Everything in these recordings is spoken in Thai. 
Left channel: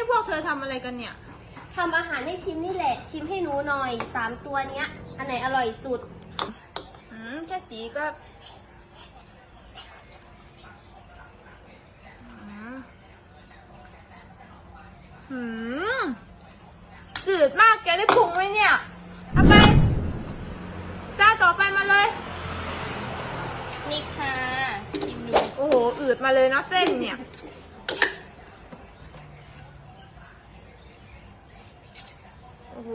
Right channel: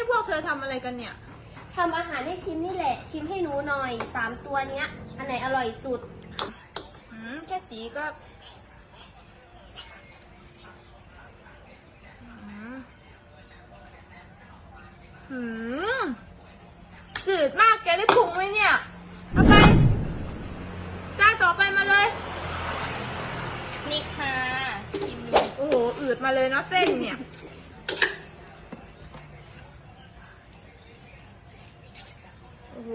ยทำอะไรกันเนี่ย ทำอาหารให้ชิมนี่แหละ ชิมให้หนูหน่อยสามตัวเนี้ย อันไหนอร่อยสุด อืมแค่สีก็อืมหืมจืดมากแกได้ปรุงไหมเนี่ยเอาไปจ้าต่อไปมาเลย นี่ค่ะชิมดูโอ้โห อืดมาเลยนะเส้นเนี่ย อ้โห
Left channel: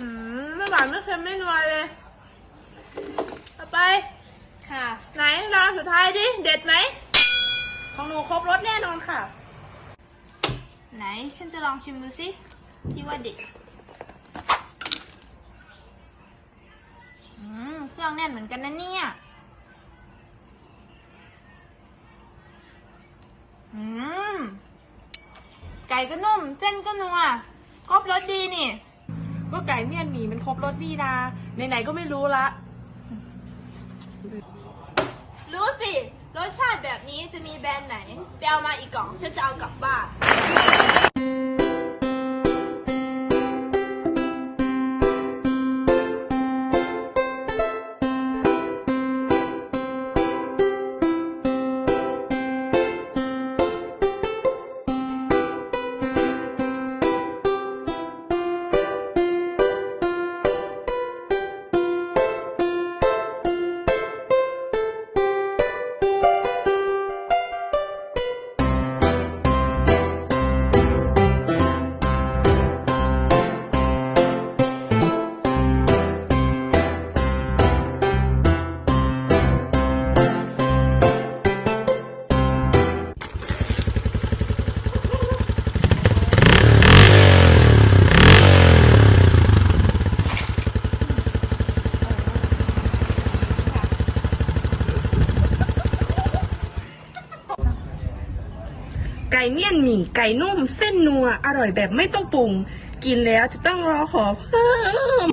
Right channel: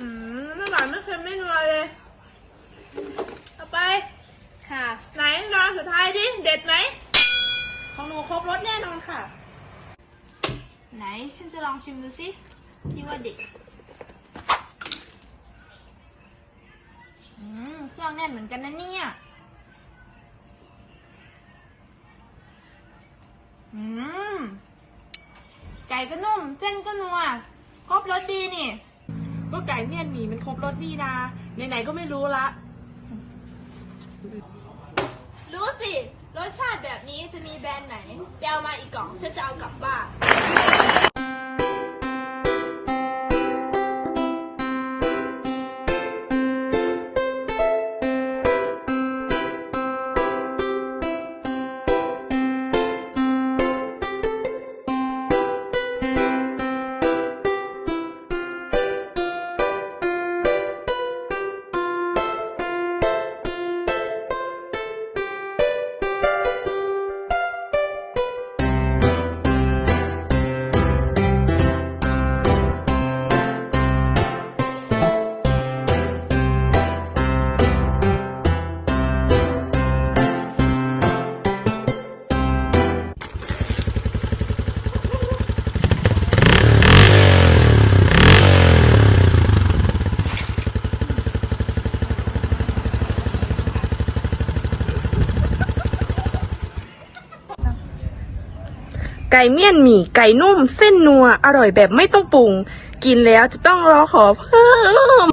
อืมไม่หวานไม่เค็มไม่นัวเลยเอาไป ค่ะ ไหนลองสุดท้ายดิ เด็ดไหม ของหนูครบรสแน่นอนค่ะ ไหนฉันจะลองชิมดูสิที่ว่าเด็ดอืม เครื่องแน่นเหมือนกันนะเนี่ย อืม ไก่ก็นุ่ม เส้นก็นัว ครบรสดีนี่ ก็ไก่เมี่ยนหมี่มันครบรสนี่นาไหนๆก็ไม่รู้ละ รู้สิ รสชาติแบบนี้จะมีแบรนด์ไหน ไปเอามาอีกกล่องฉันจะเอากลับบ้าน ไก่เมี่ยนหมี่ไก่นุ่ม เส้นนัว อร่อยแบบไม่ต้องปรุง กินแล้วจะต้องรอขอเพิ่ม